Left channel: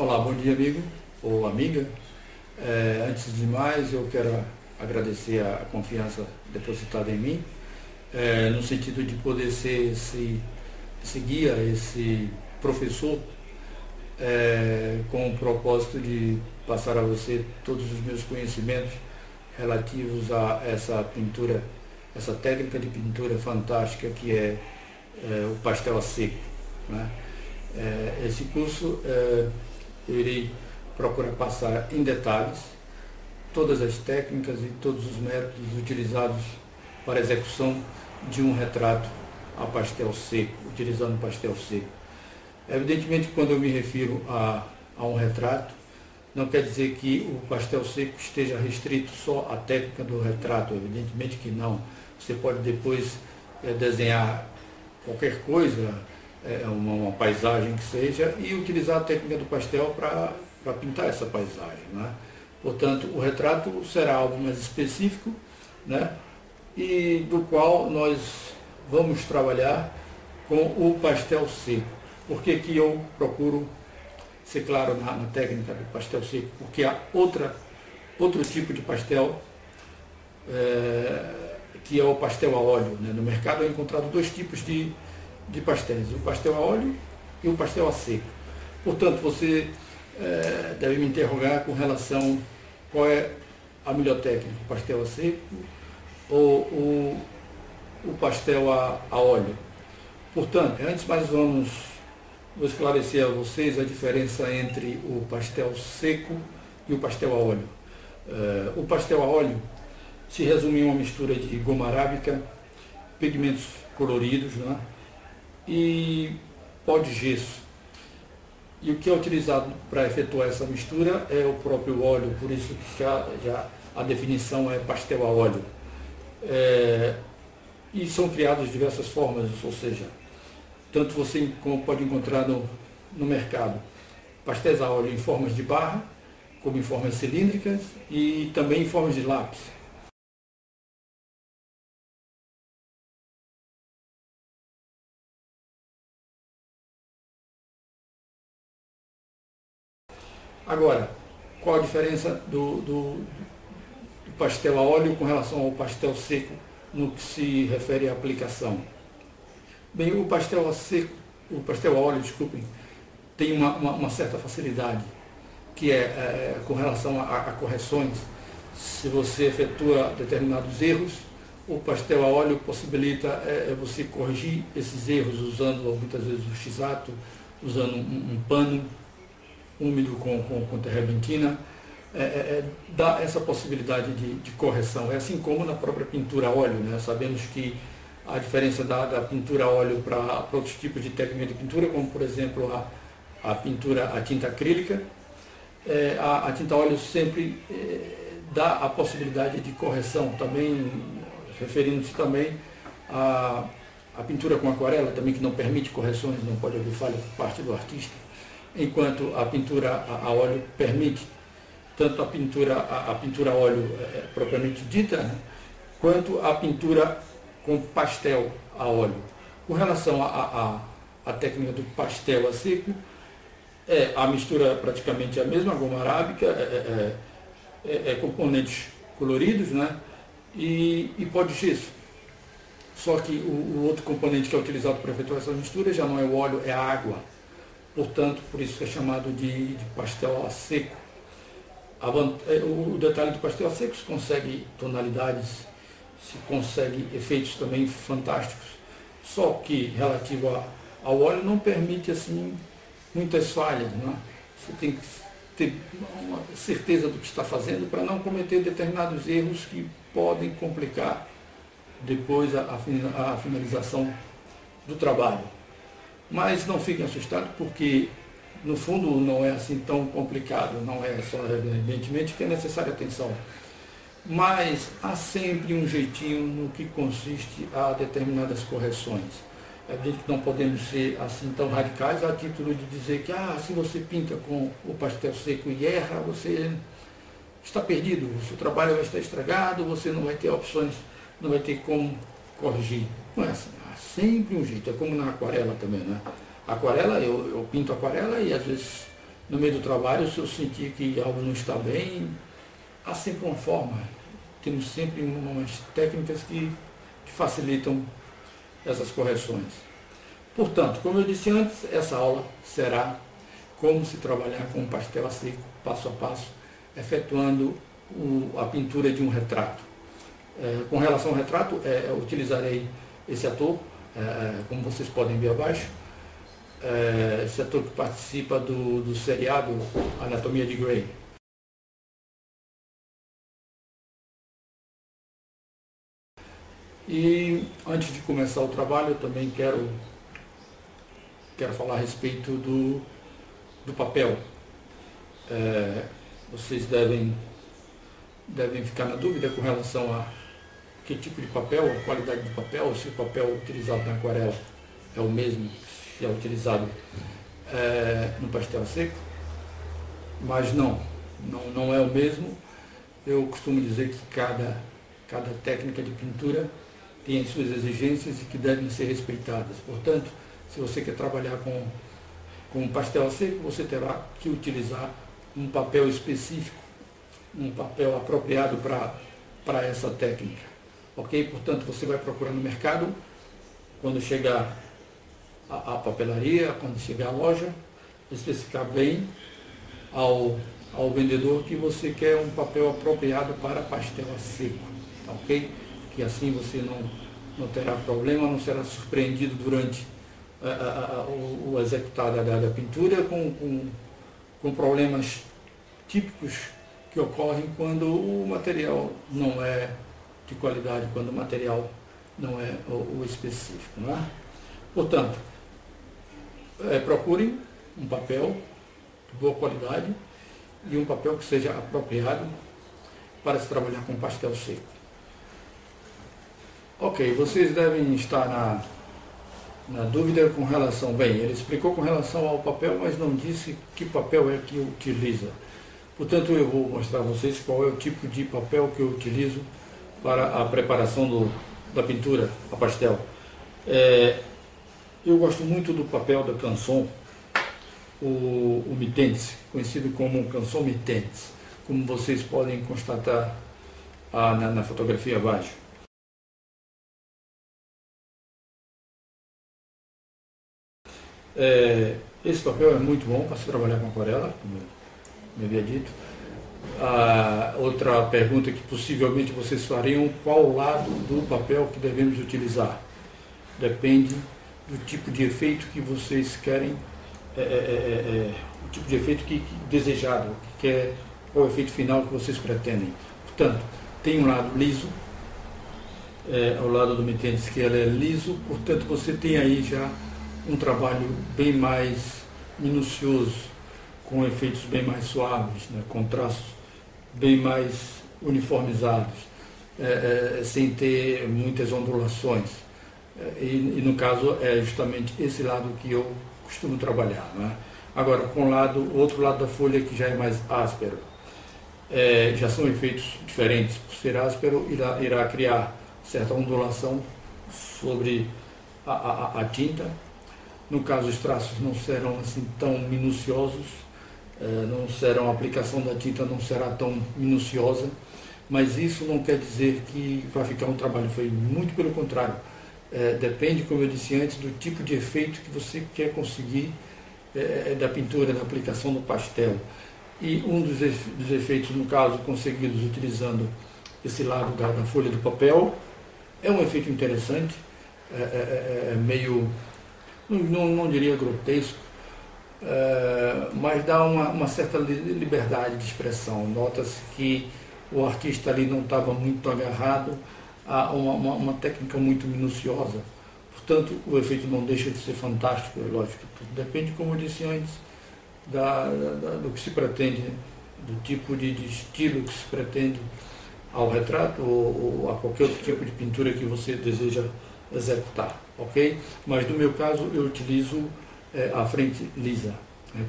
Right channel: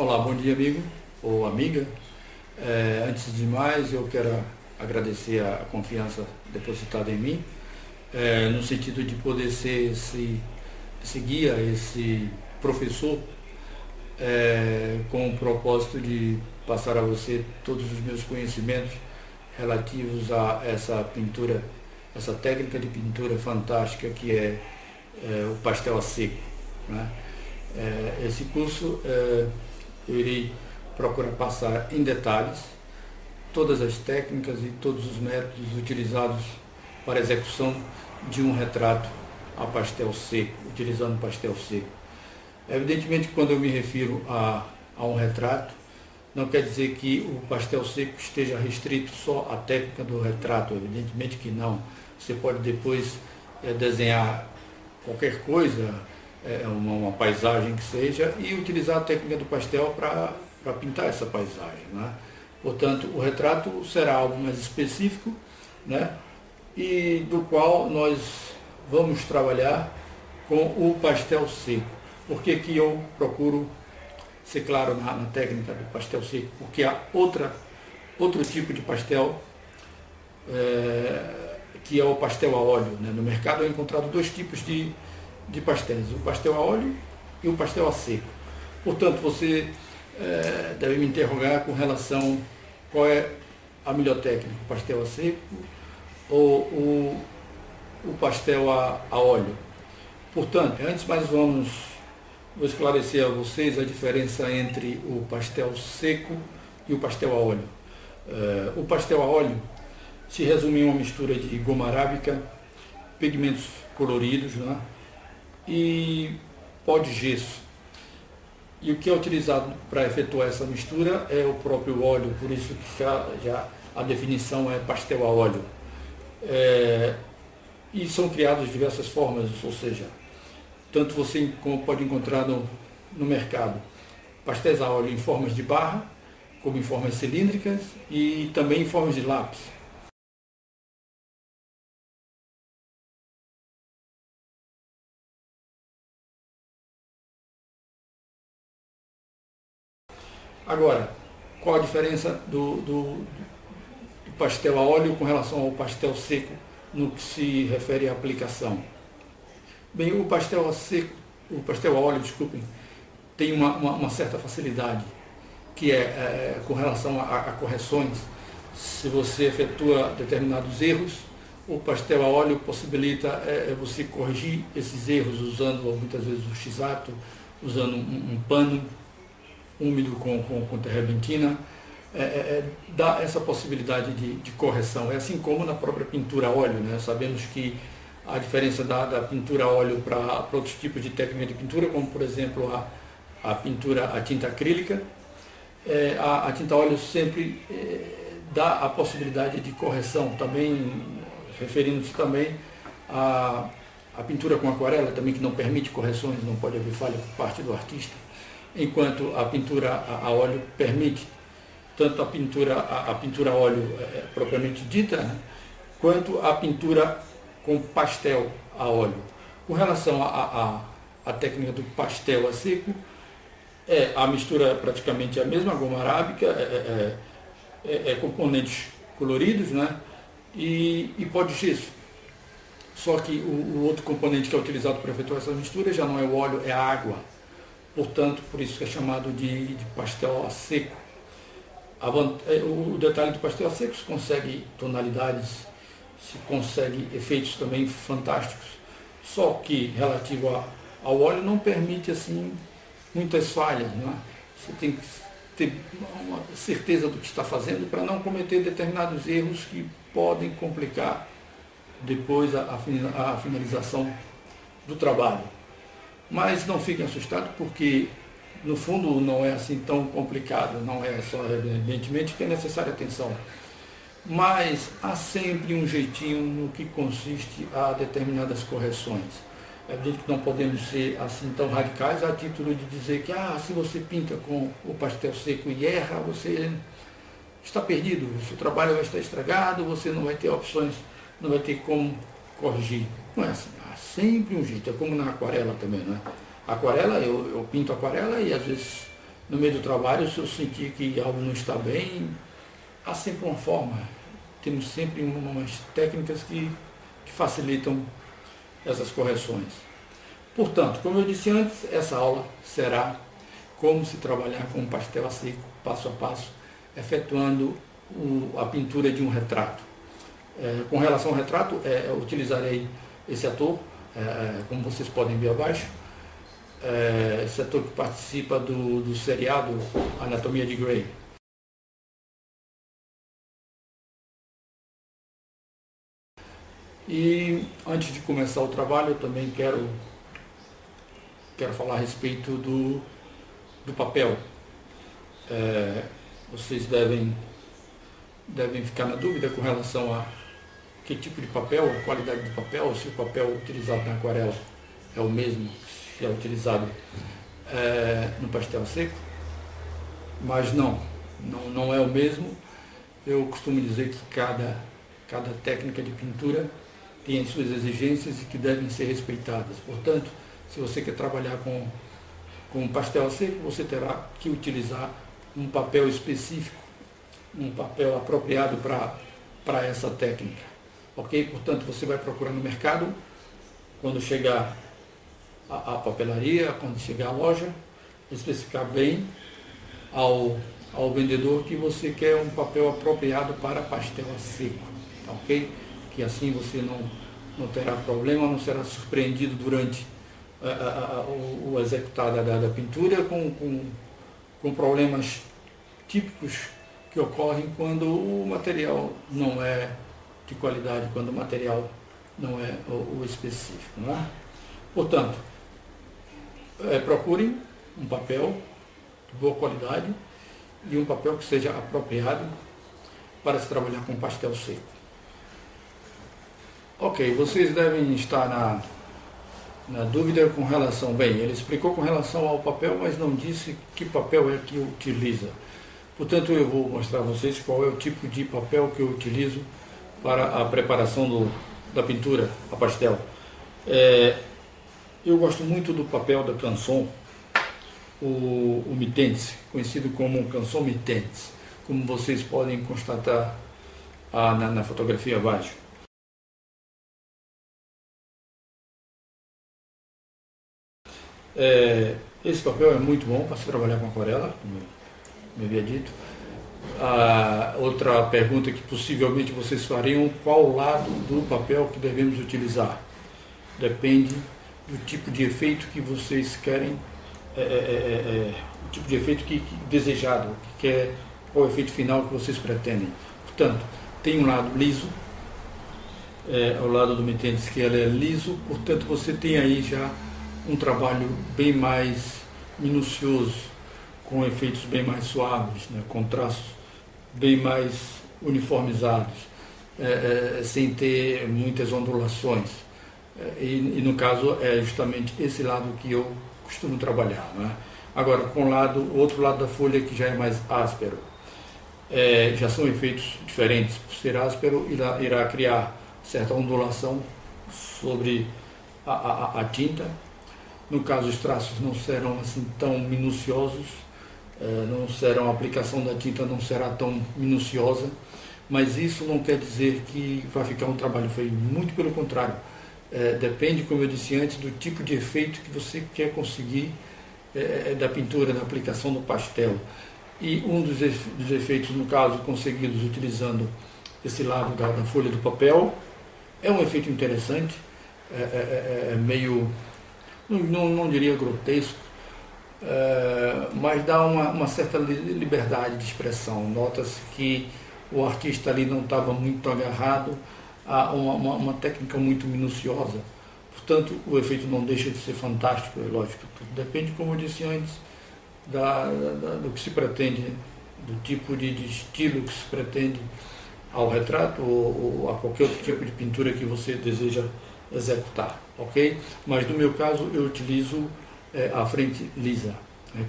Olá, bom dia amigo ou amiga. Antes de mais, eu quero agradecer a confiança depositada em mim, no sentido de poder ser esse guia, esse professor, com o propósito de passar a você todos os meus conhecimentos relativos a essa pintura, essa técnica de pintura fantástica que é o pastel a seco, né? Esse curso eu irei procurar passar em detalhes todas as técnicas e todos os métodos utilizados para a execução de um retrato a pastel seco, utilizando pastel seco. Evidentemente, quando eu me refiro a um retrato, não quer dizer que o pastel seco esteja restrito só à técnica do retrato, evidentemente que não. Você pode depois desenhar qualquer coisa, uma paisagem que seja, e utilizar a técnica do pastel para pintar essa paisagem, né? Portanto, o retrato será algo mais específico, né? E do qual nós vamos trabalhar com o pastel seco. Por que que eu procuro ser claro na técnica do pastel seco? Porque há outro tipo de pastel, que é o pastel a óleo, né? No mercado é encontrado dois tipos de pastéis, o pastel a óleo e o pastel a seco. Portanto, você deve me interrogar com relação qual é a melhor técnica, o pastel a seco ou o pastel a óleo. Portanto, antes mais vou esclarecer a vocês a diferença entre o pastel seco e o pastel a óleo. O pastel a óleo se resume em uma mistura de goma arábica, pigmentos coloridos, né? E pó de gesso. E o que é utilizado para efetuar essa mistura é o próprio óleo, por isso que já a definição é pastel a óleo. E são criados de diversas formas, ou seja, tanto você pode encontrar no mercado pastéis a óleo em formas de barra, como em formas cilíndricas e também em formas de lápis. Agora, qual a diferença do pastel a óleo com relação ao pastel seco no que se refere à aplicação? Bem, o pastel a óleo, desculpem, tem uma certa facilidade, que com relação a correções. Se você efetua determinados erros, o pastel a óleo possibilita você corrigir esses erros usando muitas vezes o X-Acto, usando um pano úmido com terrebentina, dá essa possibilidade de correção. É assim como na própria pintura a óleo, né? Sabemos que a diferença da pintura a óleo para outros tipos de técnica de pintura, como por exemplo a pintura a tinta acrílica, a tinta a óleo sempre dá a possibilidade de correção, também referindo-se também à pintura com aquarela, também que não permite correções, não pode haver falha por parte do artista, enquanto a pintura a óleo permite tanto a pintura a óleo propriamente dita, né, quanto a pintura com pastel a óleo. Com relação à técnica do pastel a seco, a mistura praticamente a mesma, goma arábica, componentes coloridos, né, e pó de gesso. Só que o outro componente que é utilizado para efetuar essa mistura já não é o óleo, é a água. Portanto, por isso que é chamado de pastel a seco. O detalhe do pastel a seco se consegue tonalidades, se consegue efeitos também fantásticos. Só que relativo ao óleo não permite assim muitas falhas, né? Você tem que ter uma certeza do que está fazendo para não cometer determinados erros que podem complicar depois a finalização do trabalho. Mas não fiquem assustados, porque no fundo não é assim tão complicado, não é só evidentemente que é necessária atenção. Mas há sempre um jeitinho no que consiste a determinadas correções. É evidente que não podemos ser assim tão radicais a título de dizer que se você pinta com o pastel seco e erra, você está perdido, o seu trabalho vai estar estragado, você não vai ter opções, não vai ter como corrigir. Não é assim, há sempre um jeito, é como na aquarela também, né? Aquarela, eu pinto aquarela e às vezes no meio do trabalho, se eu sentir que algo não está bem, há sempre uma forma. Temos sempre umas técnicas que facilitam essas correções. Portanto, como eu disse antes, essa aula será como se trabalhar com um pastel a seco, passo a passo, efetuando a pintura de um retrato. Com relação ao retrato, eu utilizarei esse ator, como vocês podem ver abaixo, esse ator que participa do seriado Anatomia de Grey. E antes de começar o trabalho, eu também quero falar a respeito do papel. Vocês devem ficar na dúvida com relação a que tipo de papel, a qualidade do papel, se o papel utilizado na aquarela é o mesmo que é utilizado no pastel seco, mas não é o mesmo. Eu costumo dizer que cada técnica de pintura tem as suas exigências e que devem ser respeitadas. Portanto, se você quer trabalhar com pastel a seco, você terá que utilizar um papel específico, um papel apropriado para essa técnica. Ok? Portanto, você vai procurar no mercado, quando chegar à papelaria, quando chegar à loja, especificar bem ao vendedor que você quer um papel apropriado para pastel a seco. Ok? Que assim você não terá problema, não será surpreendido durante o executar da pintura com problemas típicos que ocorrem quando o material não é de qualidade, quando o material não é o específico. Não é? Portanto, procurem um papel de boa qualidade e um papel que seja apropriado para se trabalhar com pastel seco. Ok, vocês devem estar na dúvida com relação... Bem, ele explicou com relação ao papel, mas não disse que papel é que utiliza. Portanto, eu vou mostrar a vocês qual é o tipo de papel que eu utilizo para a preparação da pintura a pastel. Eu gosto muito do papel da Canson, o Mitense, conhecido como Canson Mitense, como vocês podem constatar na fotografia abaixo. Esse papel é muito bom para se trabalhar com aquarela, como eu havia dito. Outra pergunta que possivelmente vocês fariam: qual lado do papel que devemos utilizar? Depende do tipo de efeito que vocês querem, o tipo de efeito que desejado, qual é o efeito final que vocês pretendem. Portanto, tem um lado liso, ao lado do Mitense, que ele é liso, portanto você tem aí já um trabalho bem mais minucioso, com efeitos bem mais suaves, né, com traços bem mais uniformizados, sem ter muitas ondulações. E no caso é justamente esse lado que eu costumo trabalhar. Né? Agora, com o outro lado da folha, que já é mais áspero, já são efeitos diferentes. Por ser áspero, irá criar certa ondulação sobre a tinta. No caso, os traços não serão assim tão minuciosos, a aplicação da tinta não será tão minuciosa, mas isso não quer dizer que vai ficar um trabalho feio, muito pelo contrário. Depende, como eu disse antes, do tipo de efeito que você quer conseguir da pintura, da aplicação do pastel. E um dos efeitos, no caso, conseguidos utilizando esse lado da folha do papel, é um efeito interessante, meio... Não diria grotesco, mas dá uma certa liberdade de expressão. Nota-se que o artista ali não estava muito agarrado a uma técnica muito minuciosa. Portanto, o efeito não deixa de ser fantástico, é lógico. Tudo depende, como eu disse antes, do que se pretende, do tipo de estilo que se pretende ao retrato ou a qualquer outro tipo de pintura que você deseja executar, ok? Mas no meu caso eu utilizo a frente lisa,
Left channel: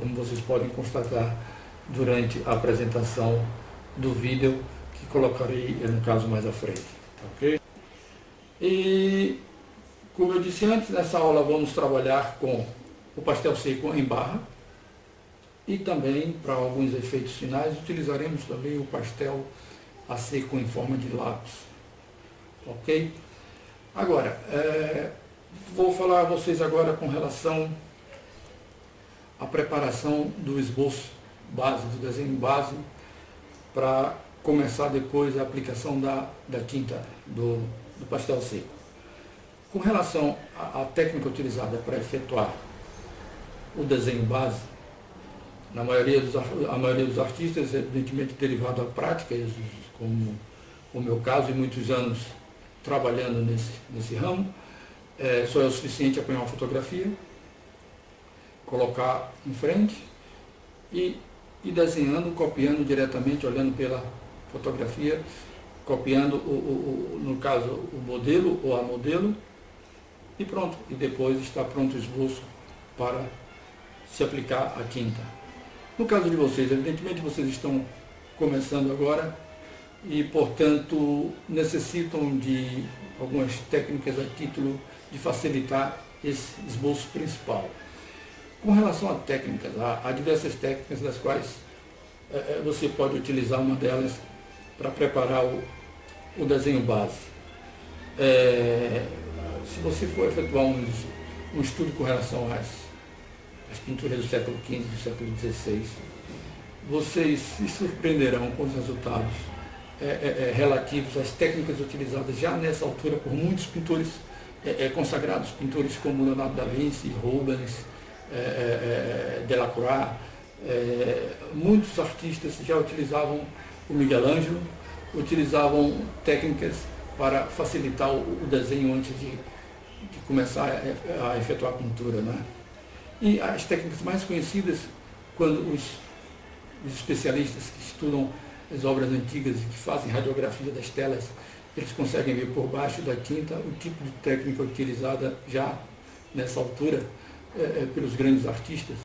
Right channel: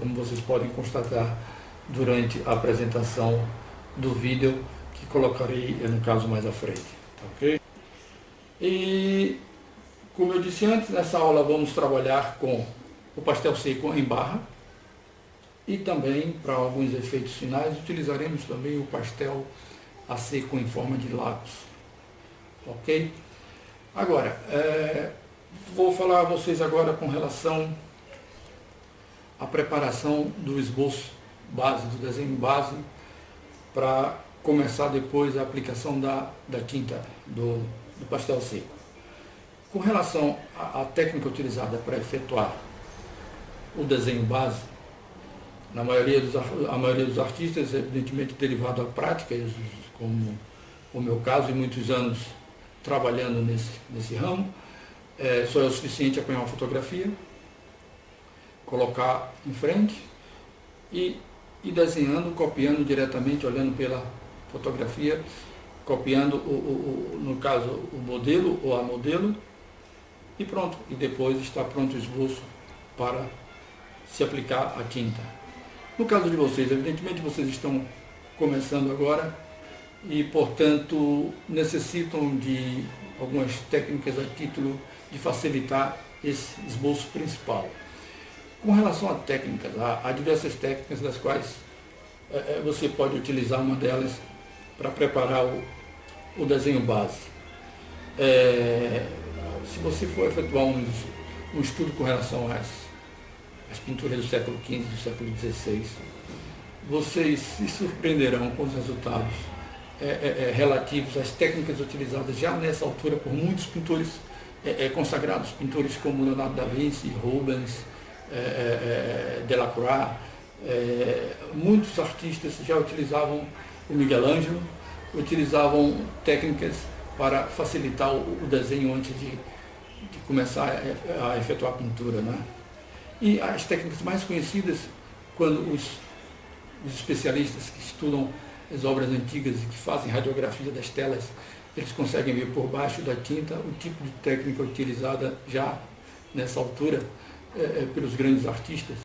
como vocês podem constatar durante a apresentação do vídeo que colocarei no caso mais à frente, ok? E como eu disse antes, nessa aula vamos trabalhar com o pastel seco em barra, E também, para alguns efeitos finais, utilizaremos também o pastel a seco em forma de lápis. Ok? Agora, vou falar a vocês agora com relação à preparação do esboço base, do desenho base, para começar depois a aplicação da tinta do pastel seco. Com relação à técnica utilizada para efetuar o desenho base, a maioria dos artistas, evidentemente derivado da prática, como o meu caso, e muitos anos trabalhando nesse ramo, só é o suficiente apanhar uma fotografia, colocar em frente e desenhando, copiando diretamente, olhando pela fotografia, copiando, no caso, o modelo ou a modelo, e pronto. E depois está pronto o esboço para se aplicar a tinta. No caso de vocês, evidentemente vocês estão começando agora e, portanto, necessitam de algumas técnicas a título de facilitar esse esboço principal. Com relação a técnicas, há diversas técnicas das quais você pode utilizar uma delas para preparar o desenho base. Se você for efetuar um estudo com relação às pinturas do século XV e do século XVI, vocês se surpreenderão com os resultados relativos às técnicas utilizadas já nessa altura por muitos pintores consagrados, pintores como Leonardo da Vinci, Rubens, Delacroix. Muitos artistas já utilizavam, o Miguel Ângelo, utilizavam técnicas para facilitar o desenho antes de começar a efetuar a pintura, né? E as técnicas mais conhecidas, quando os especialistas que estudam as obras antigas e que fazem radiografia das telas, eles conseguem ver por baixo da tinta o tipo de técnica utilizada já nessa altura pelos grandes artistas.